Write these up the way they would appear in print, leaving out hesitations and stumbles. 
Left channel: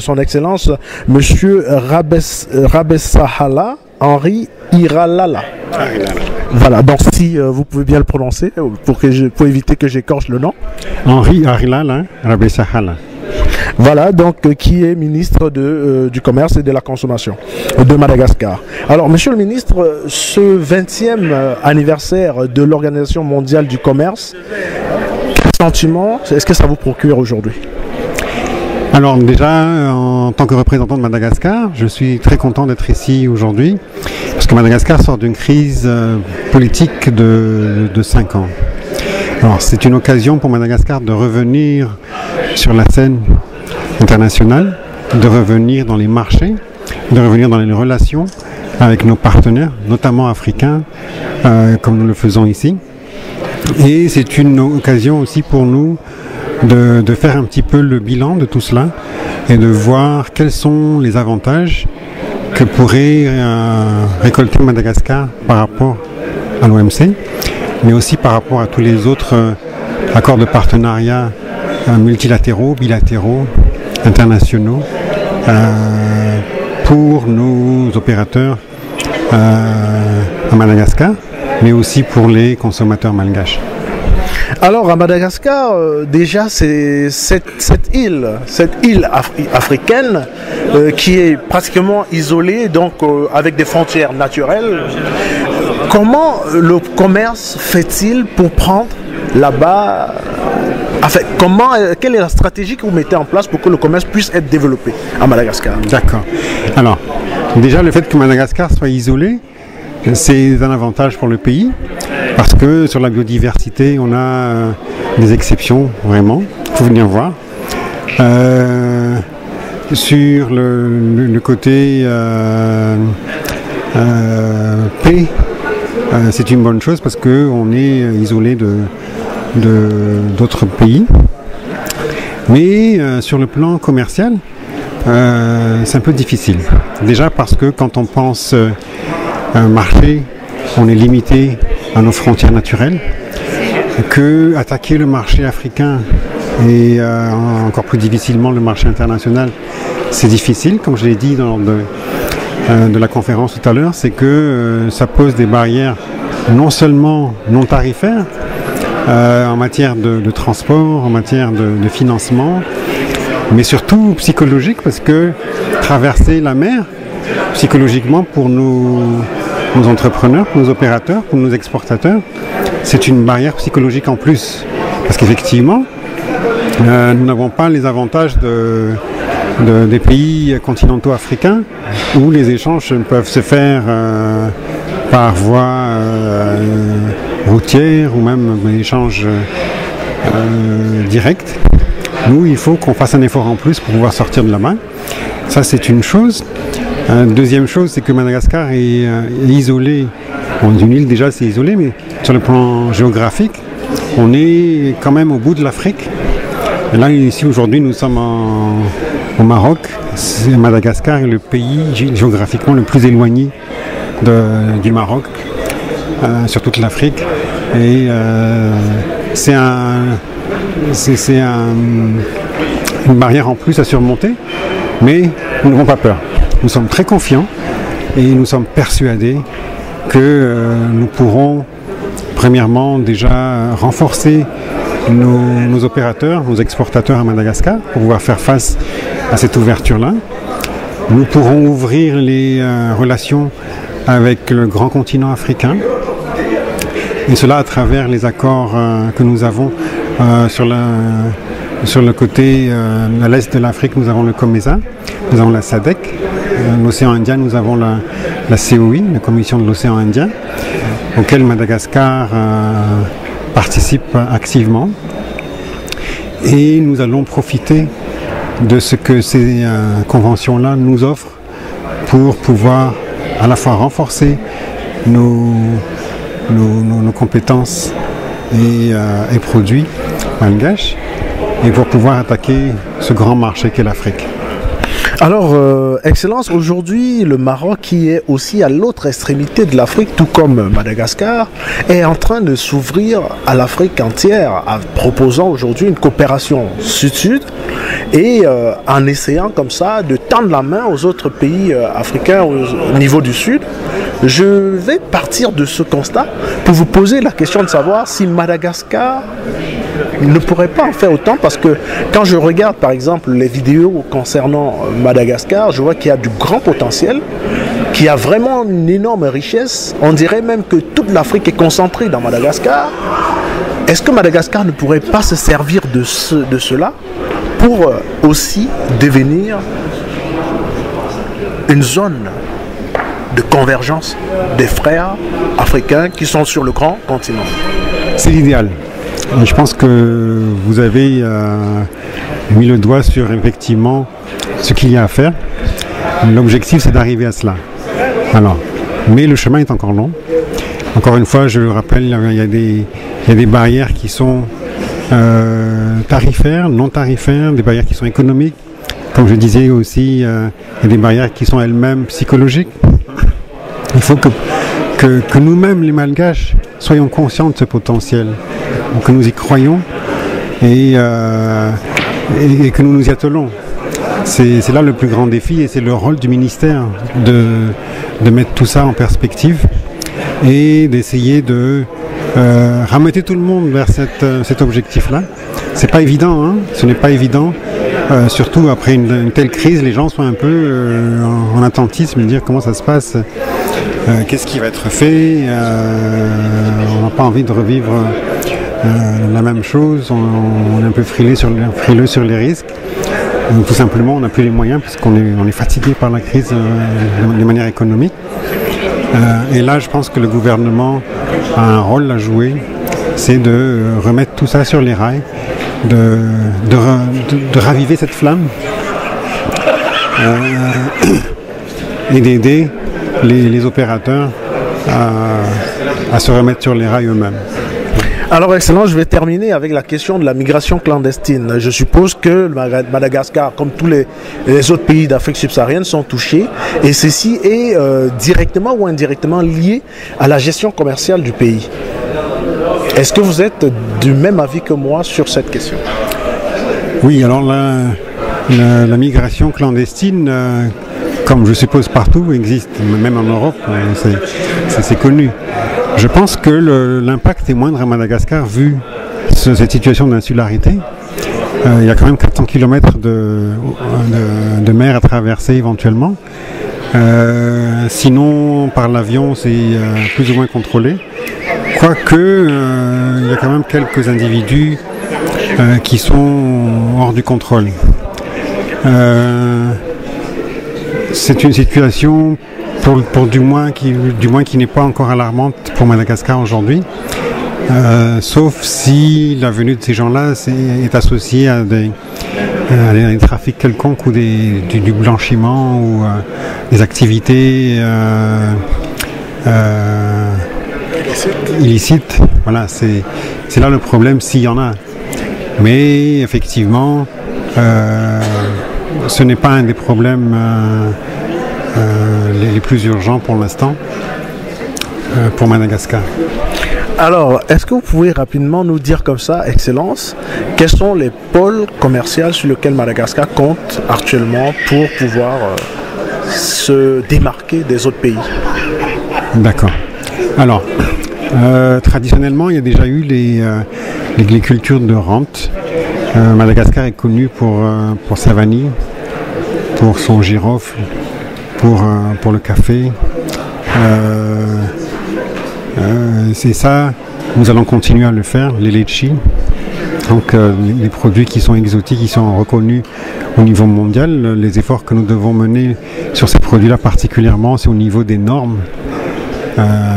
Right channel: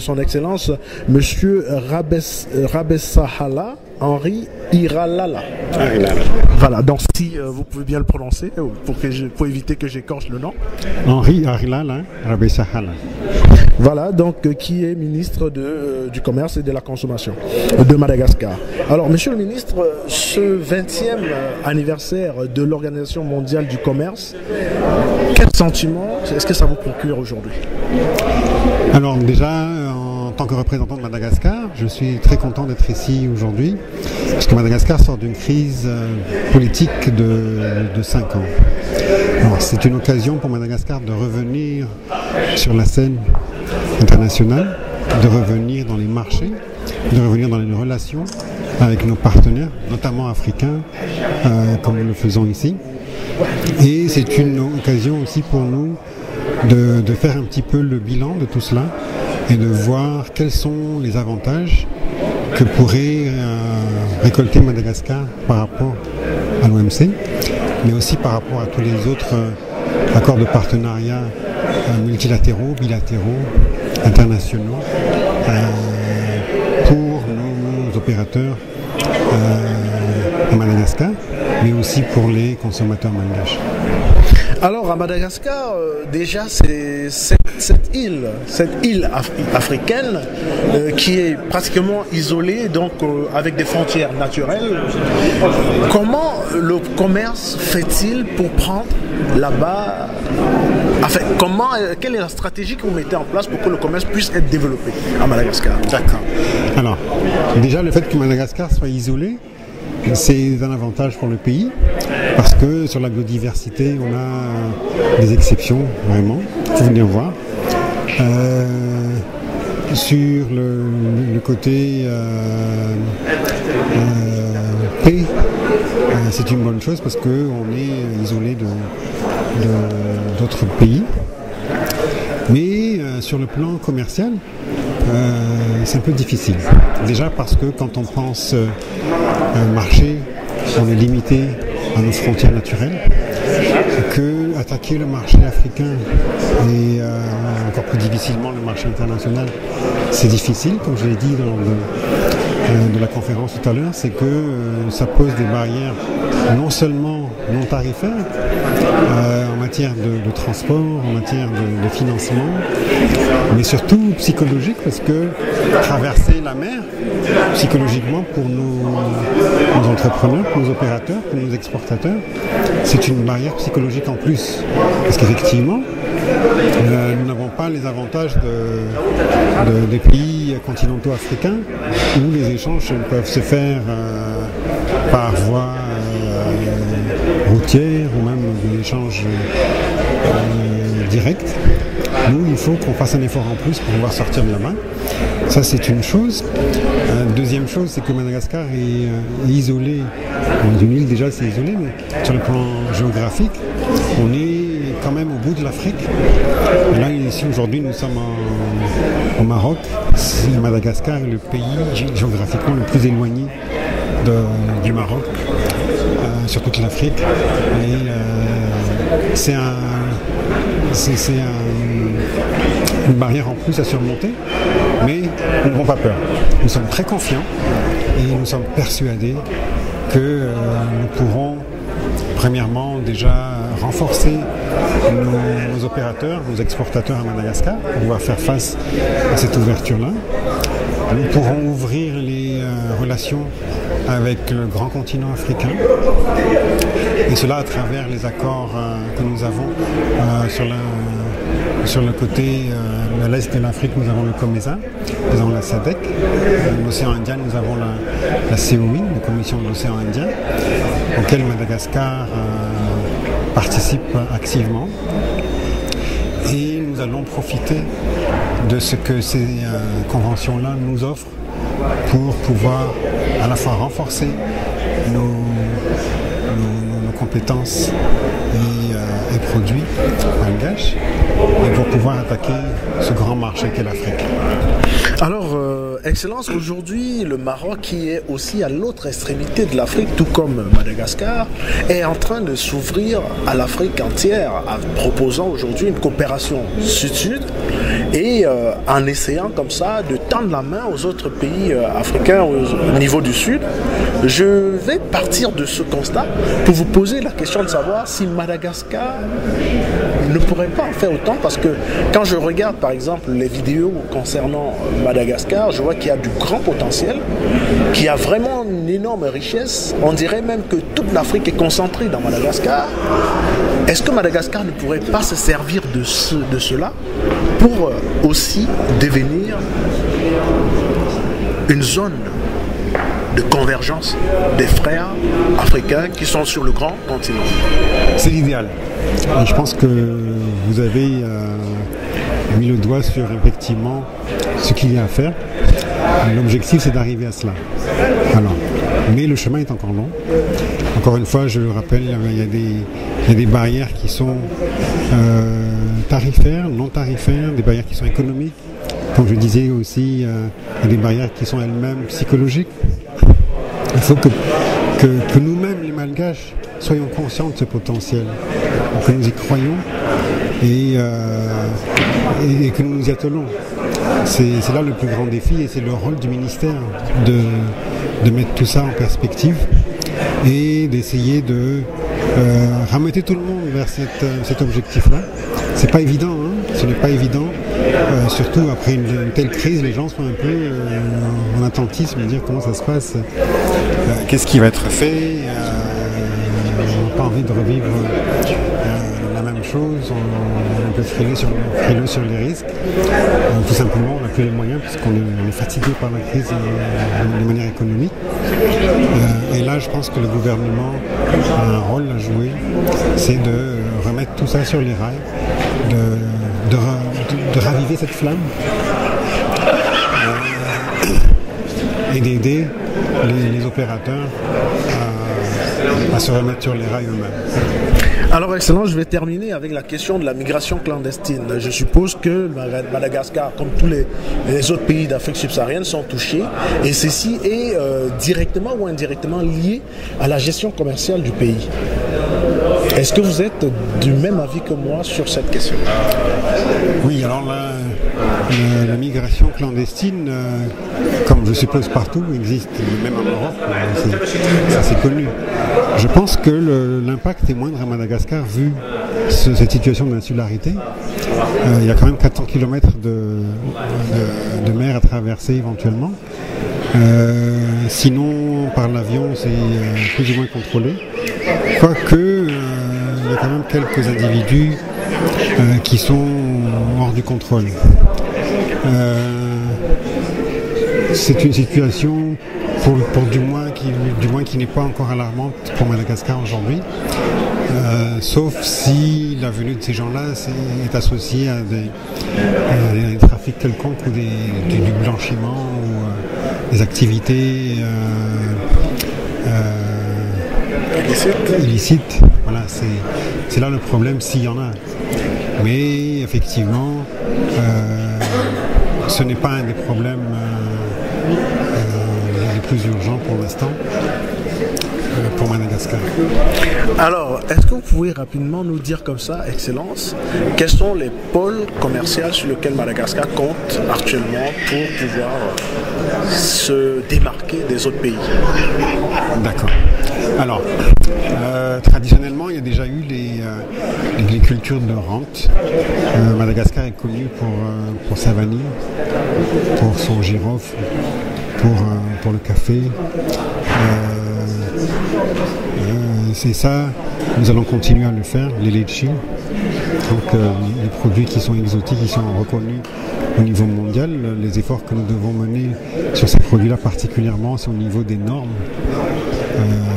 Son Excellence, Monsieur Rabessahala Henri Iralala. Voilà, donc si vous pouvez bien le prononcer pour éviter que j'écorche le nom. Henri Iralala Rabessahala. Voilà, donc qui est ministre du Commerce et de la Consommation de Madagascar. Alors, Monsieur le ministre, ce 20e anniversaire de l'Organisation mondiale du commerce, quel sentiment est-ce que ça vous procure aujourd'hui? Alors déjà, en tant que représentant de Madagascar, je suis très content d'être ici aujourd'hui, parce que Madagascar sort d'une crise politique de 5 ans. Alors c'est une occasion pour Madagascar de revenir sur la scène internationale, de revenir dans les marchés, de revenir dans les relations avec nos partenaires, notamment africains, comme nous le faisons ici. Et c'est une occasion aussi pour nous de faire un petit peu le bilan de tout cela et de voir quels sont les avantages que pourrait récolter Madagascar par rapport à l'OMC, mais aussi par rapport à tous les autres accords de partenariat multilatéraux, bilatéraux, internationaux pour nos opérateurs à Madagascar, mais aussi pour les consommateurs malgaches. Alors à Madagascar, déjà c'est cette île africaine qui est pratiquement isolée, donc avec des frontières naturelles. Comment le commerce fait-il pour prendre là-bas? Enfin, quelle est la stratégie que vous mettez en place pour que le commerce puisse être développé à Madagascar? D'accord. Alors, déjà le fait que Madagascar soit isolé, c'est un avantage pour le pays, parce que sur la biodiversité, on a des exceptions, vraiment. Il faut venir voir. Sur le côté paix, c'est une bonne chose parce qu'on est isolé d'autres pays. Mais sur le plan commercial, c'est un peu difficile. Déjà parce que quand on pense un marché, on est limité à nos frontières naturelles, que attaquer le marché africain et encore plus difficilement le marché international, c'est difficile, comme je l'ai dit lors de la conférence tout à l'heure, c'est que ça pose des barrières non seulement non tarifaires, en matière de transport, en matière de financement, mais surtout psychologique, parce que traverser la mer, psychologiquement pour nos entrepreneurs, pour nos opérateurs, pour nos exportateurs, c'est une barrière psychologique en plus. Parce qu'effectivement, nous n'avons pas les avantages des pays continentaux africains où les échanges peuvent se faire par voie routière ou même des échanges directs. Nous, il faut qu'on fasse un effort en plus pour pouvoir sortir de là-bas. Ça, c'est une chose. Deuxième chose, c'est que Madagascar est isolé. Bon, une île déjà, c'est isolé, mais sur le plan géographique, on est quand même au bout de l'Afrique. Et là, ici, aujourd'hui, nous sommes au Maroc. Madagascar est le pays géographiquement le plus éloigné du Maroc, sur toute l'Afrique. Et c'est une barrière en plus à surmonter, mais nous n'avons pas peur. Nous sommes très confiants et nous sommes persuadés que nous pourrons premièrement déjà renforcer nos opérateurs, nos exportateurs à Madagascar pour pouvoir faire face à cette ouverture-là. Nous pourrons ouvrir les relations avec le grand continent africain, et cela à travers les accords que nous avons sur le côté à l'est de l'Afrique. Nous avons le COMESA, nous avons la SADC, l'océan Indien, nous avons la COI, la Commission de l'océan Indien, auquel Madagascar participe activement. Et nous allons profiter de ce que ces conventions-là nous offrent pour pouvoir à la fois renforcer nos compétences et produits malgaches, et pour pouvoir attaquer ce grand marché qu'est l'Afrique. Alors, Excellence, aujourd'hui, le Maroc, qui est aussi à l'autre extrémité de l'Afrique, tout comme Madagascar, est en train de s'ouvrir à l'Afrique entière, en proposant aujourd'hui une coopération sud-sud et en essayant comme ça de tendre la main aux autres pays africains au niveau du Sud. Je vais partir de ce constat pour vous poser la question de savoir si Madagascar ne pourrait pas en faire autant, parce que quand je regarde par exemple les vidéos concernant Madagascar, je vois qu'il y a du grand potentiel, qu'il y a vraiment une énorme richesse. On dirait même que toute l'Afrique est concentrée dans Madagascar. Est-ce que Madagascar ne pourrait pas se servir de cela pour aussi devenir une zone de convergence des frères africains qui sont sur le grand continent? C'est l'idéal. Je pense que vous avez mis le doigt sur effectivement ce qu'il y a à faire. L'objectif, c'est d'arriver à cela. Alors, mais le chemin est encore long. Encore une fois, je le rappelle, il y a des barrières qui sont tarifaires, non tarifaires, des barrières qui sont économiques. Comme je disais aussi, il y a des barrières qui sont elles-mêmes psychologiques. Il faut que nous-mêmes, les Malgaches, soyons conscients de ce potentiel, que nous y croyons et que nous nous y attelons. C'est là le plus grand défi, et c'est le rôle du ministère de mettre tout ça en perspective et d'essayer de ramener tout le monde vers cet objectif-là. C'est pas évident, hein, ce n'est pas évident, surtout après une telle crise, les gens sont un peu en attentisme, de dire comment ça se passe, qu'est-ce qui va être fait, on n'a pas envie de revivre la même chose, on est un peu frileux sur les risques. Donc, tout simplement, on n'a plus les moyens puisqu'on est fatigué par la crise de manière économique. Et là, je pense que le gouvernement a un rôle à jouer, c'est de remettre tout ça sur les rails, de raviver cette flamme et d'aider les opérateurs à se remettre sur les rails eux-mêmes. Alors, Excellence, je vais terminer avec la question de la migration clandestine. Je suppose que Madagascar, comme tous les autres pays d'Afrique subsaharienne, sont touchés, et ceci est directement ou indirectement lié à la gestion commerciale du pays. Est-ce que vous êtes du même avis que moi sur cette question? Oui, alors la migration clandestine, comme je suppose partout, existe, même en Europe, ça c'est connu. Je pense que l'impact est moindre à Madagascar vu cette situation d'insularité. Il y a quand même 400 km de mer à traverser éventuellement. Sinon, par l'avion, c'est plus ou moins contrôlé. Quoique, il y a quand même quelques individus qui sont hors du contrôle. C'est une situation pour du moins qui n'est pas encore alarmante pour Madagascar aujourd'hui, sauf si la venue de ces gens-là est associée à des trafics quelconques ou du blanchiment ou des activités illicites. Voilà, c'est là le problème s'il y en a. Mais effectivement, ce n'est pas un des problèmes les plus urgents pour l'instant pour Madagascar. Alors, est-ce que vous pouvez rapidement nous dire comme ça, Excellence, quels sont les pôles commerciaux sur lesquels Madagascar compte actuellement pour pouvoir se démarquer des autres pays? D'accord. Alors, traditionnellement, il y a déjà eu les cultures de rente. Madagascar est connu pour sa vanille, pour son girofle, pour le café. C'est ça, nous allons continuer à le faire, les litchis. Donc les produits qui sont exotiques, qui sont reconnus au niveau mondial. Les efforts que nous devons mener sur ces produits-là particulièrement, c'est au niveau des normes,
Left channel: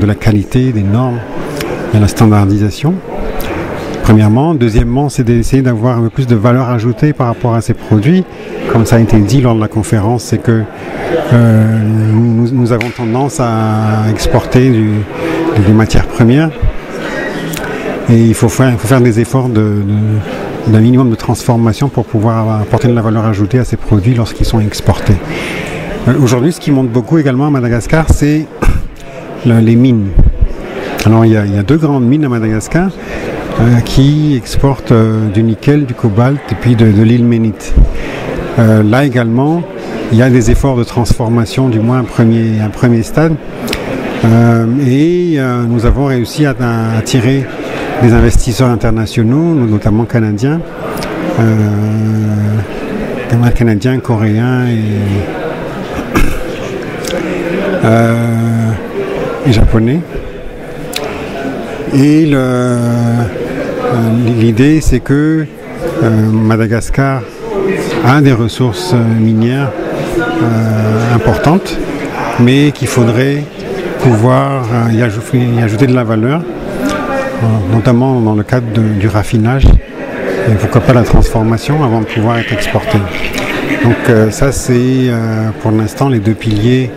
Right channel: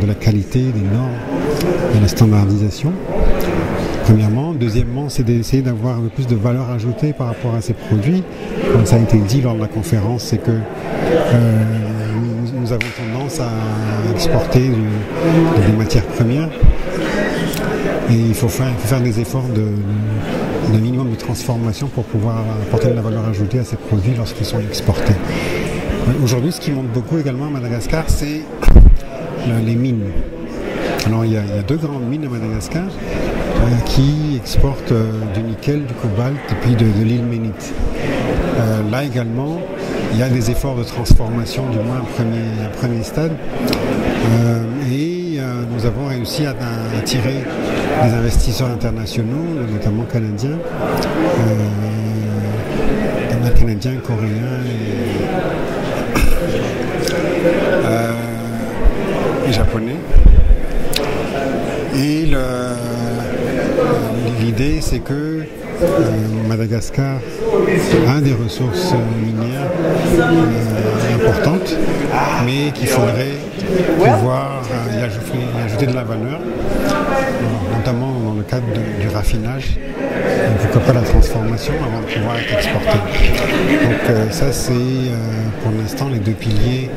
de la qualité, des normes, de la standardisation. Premièrement. Deuxièmement, c'est d'essayer d'avoir un peu plus de valeur ajoutée par rapport à ces produits. Comme ça a été dit lors de la conférence, c'est que nous avons tendance à exporter des matières premières. Et il faut faire des efforts d'un minimum de transformation pour pouvoir apporter de la valeur ajoutée à ces produits lorsqu'ils sont exportés. Aujourd'hui, ce qui monte beaucoup également à Madagascar, c'est les mines. Alors il y a 2 grandes mines à Madagascar qui exportent du nickel, du cobalt et puis de l'ilménite. Là également, il y a des efforts de transformation, du moins un premier stade. Et nous avons réussi à attirer des investisseurs internationaux, notamment canadiens, coréens et japonais. Et l'idée, c'est que Madagascar a des ressources minières importantes, mais qu'il faudrait pouvoir y ajouter de la valeur, notamment dans le cadre du raffinage, et pourquoi pas la transformation avant de pouvoir être exporté. Donc ça, c'est pour l'instant les 2 piliers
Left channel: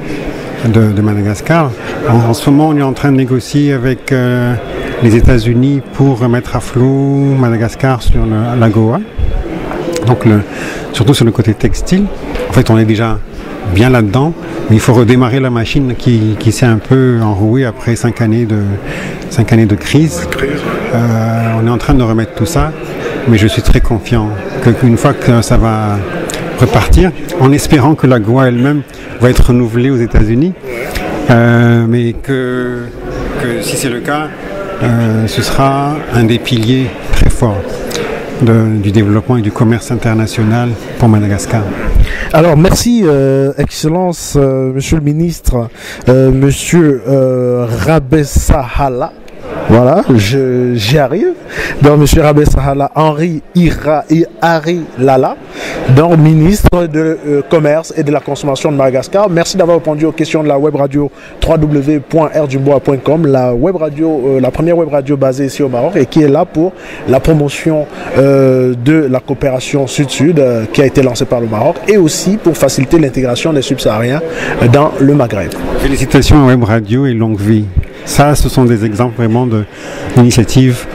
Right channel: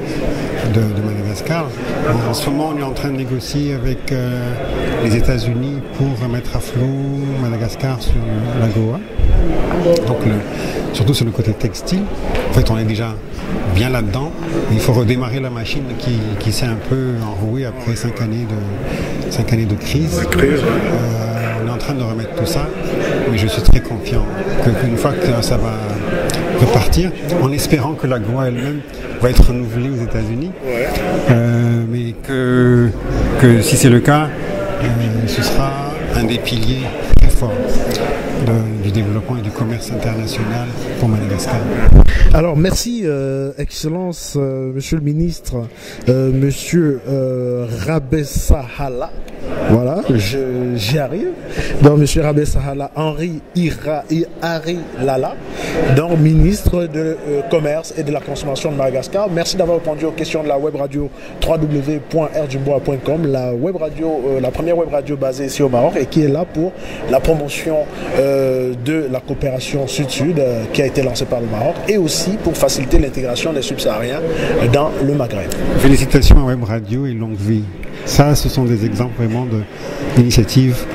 de Madagascar. En ce moment, on est en train de négocier avec les États-Unis pour mettre à flot Madagascar sur l'AGOA, donc surtout sur le côté textile. En fait, on est déjà bien là-dedans, mais il faut redémarrer la machine qui s'est un peu enrouée après 5 années de crise. On est en train de remettre tout ça, mais je suis très confiant qu'une fois que ça va repartir, en espérant que l'AGOA elle-même va être renouvelée aux États-Unis, mais que si c'est le cas, ce sera un des piliers très forts du développement et du commerce international pour Madagascar. Alors merci Excellence, Monsieur le Ministre, Monsieur Rabessahala. Voilà, j'y arrive. Donc, M. Rabessahala Henri Hari Lala, donc ministre de Commerce et de la Consommation de Madagascar. Merci d'avoir répondu aux questions de la web radio www.rdubois.com, la web radio, la première web radio basée ici au Maroc et qui est là pour la promotion de la coopération Sud-Sud qui a été lancée par le Maroc et aussi pour faciliter l'intégration des subsahariens dans le Maghreb. Félicitations à Web Radio et longue vie. Ça, ce sont des exemples vraiment d'initiatives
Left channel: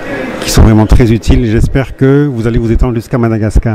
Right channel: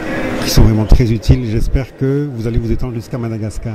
qui sont vraiment très utiles. J'espère que vous allez vous étendre jusqu'à Madagascar.